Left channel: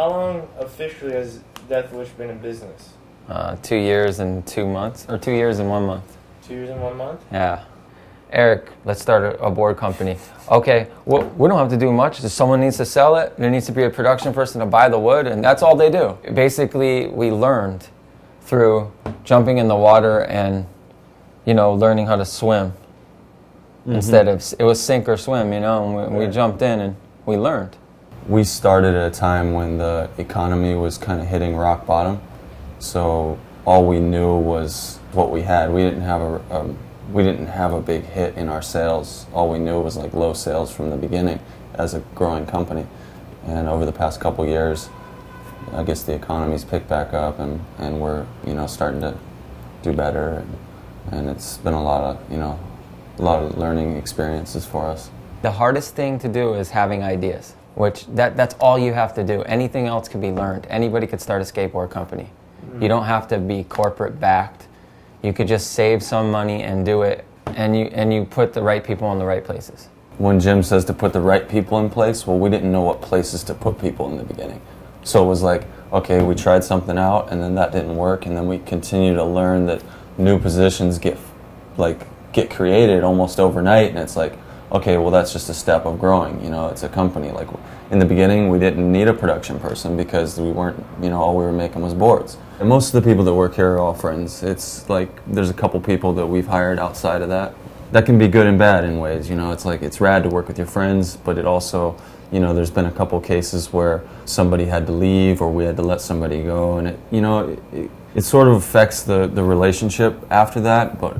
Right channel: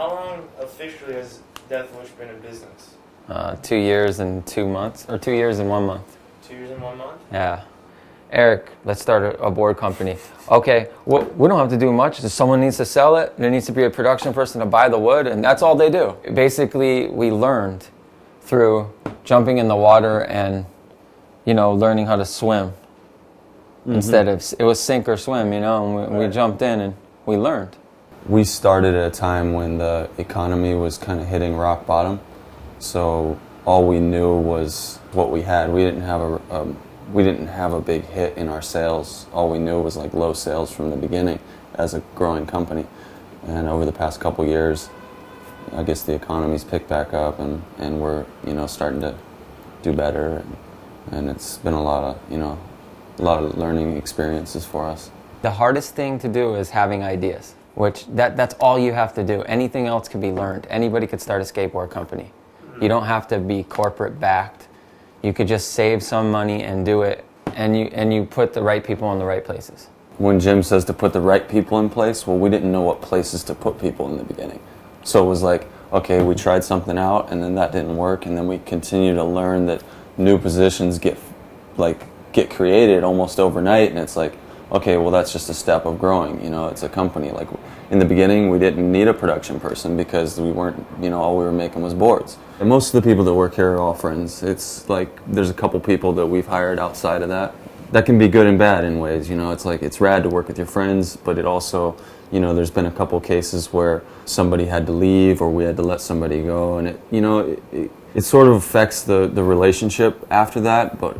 How long officially has Deathwish been in business? 2 years and 2 months, or 2 years and 1 month. 2 years and 1 month? Yeah. Eric, let's start a board company. Okay, well, we don't have to do much. Just someone needs to sell it. There needs to be a production person to buy the wood, and that's all they do. Basically, we learned through jumping in the water and, learning how to swim. Instead of, it was sink or swim, and we jumped in and we learned. We started at a time when the economy was kind of hitting rock bottom, so all we knew was what we had. We didn't have a big hit in our sales. All we knew was like low sales from the beginning as a growing company. And over the past couple years, I guess the economy's picked back up and we're starting to do better. And it's been a lot of learning experiences for us. The hardest thing to do is having ideas, which that's all you have to do. Anything else can be learned. Anybody could start a skateboard company. You don't have to be corporate backed. You could just save some money and do it, and you put the right people in the right places. When Jim says to put the right people in place, well, we didn't know what places to put people in the beginning. So it was like, okay, we tried something out, and then that didn't work, and then we continue to learn that new positions get created almost overnight, and it's like, okay, well, that's just a step of growing. It's a company. Like in the beginning, we didn't need a production person because we weren't, all we were making was boards. And most of the people that work here are all friends. It's like there's a couple people that we've hired outside of that. That can be good and bad in ways. It's like it's rad to work with your friends, but it also, there's been a couple cases where somebody had to leave or we had to let somebody go, and it sort of affects the relationship after that. But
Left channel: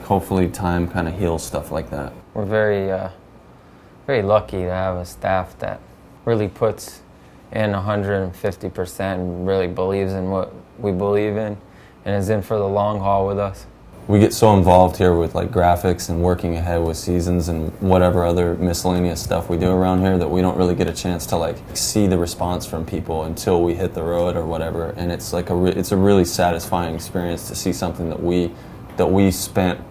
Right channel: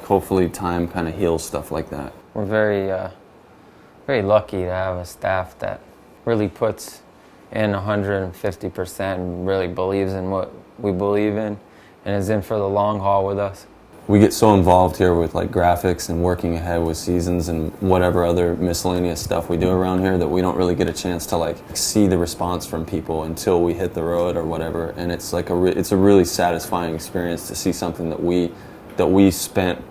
hopefully time kind of heals stuff like that. We're very lucky to have a staff that really puts in 150% and really believes in what we believe in and is in for the long haul with us. We get so involved here with graphics and working ahead with seasons and whatever other miscellaneous stuff we do around here that we don't really get a chance to see the response from people until we hit the road or whatever. And it's it's a really satisfying experience to see something that we spent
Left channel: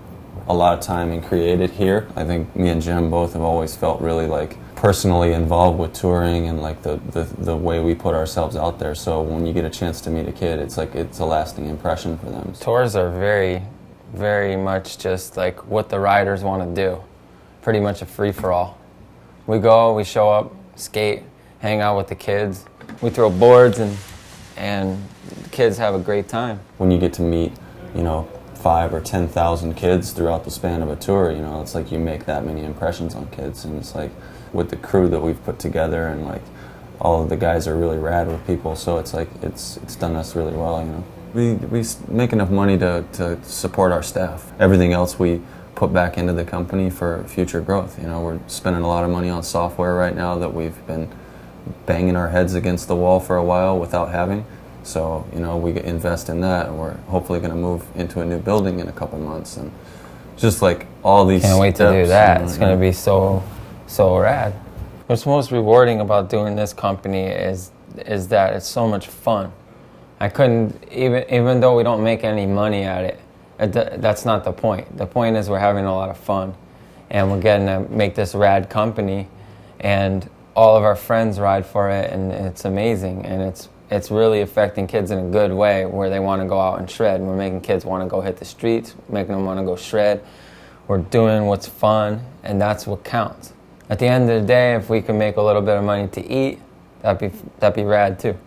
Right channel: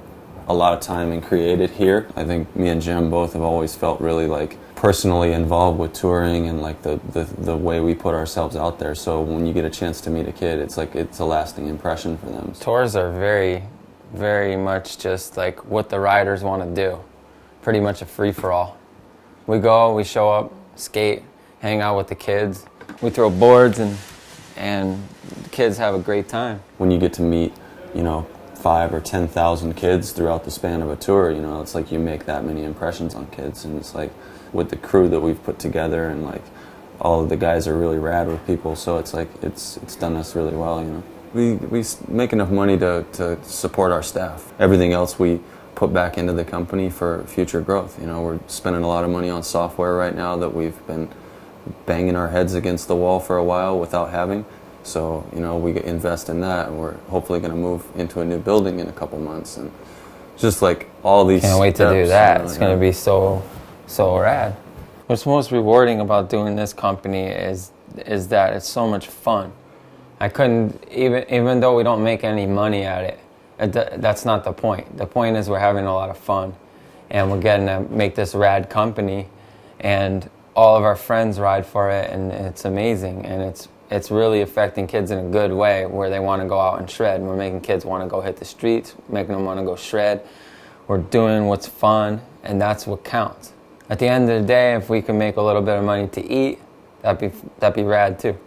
a lot of time and created here. I think me and Jim both have always felt really personally involved with touring and the way we put ourselves out there. So when you get a chance to meet a kid, it's a lasting impression for them. Tours are very, very much just what the riders want to do. Pretty much a free-for-all. We go, we show up, skate, hang out with the kids. We throw boards and the kids have a great time. When you get to meet, 5,000 or 10,000 kids throughout the span of a tour, it's like you make that many impressions on kids. And it's like with the crew that we've put together and all of the guys are really rad with people, so it's done us really well. We make enough money to support our staff. Everything else we put back into the company for future growth. We're spending a lot of money on software right now that we've been banging our heads against the wall for a while without having. So, we invest in that, and we're hopefully going to move into a new building in a couple months. And just all these... Can't wait to do that. It's going to be so rad. What's most rewarding about doing this company is that it's so much fun. I couldn't, even though we don't make any money at it, that's not the point. The point is we're having a lot of fun, and we're getting to make this rad company, and all of our friends ride for it, and it's amazing, and it's really affecting kids in a good way where they want to go out and shred. We're making kids want to go hit the streets, making them want to go shred. We're doing what's fun, and that's what counts. At the end of the day, if we can make a little bit of money to eat, that'd be rad too.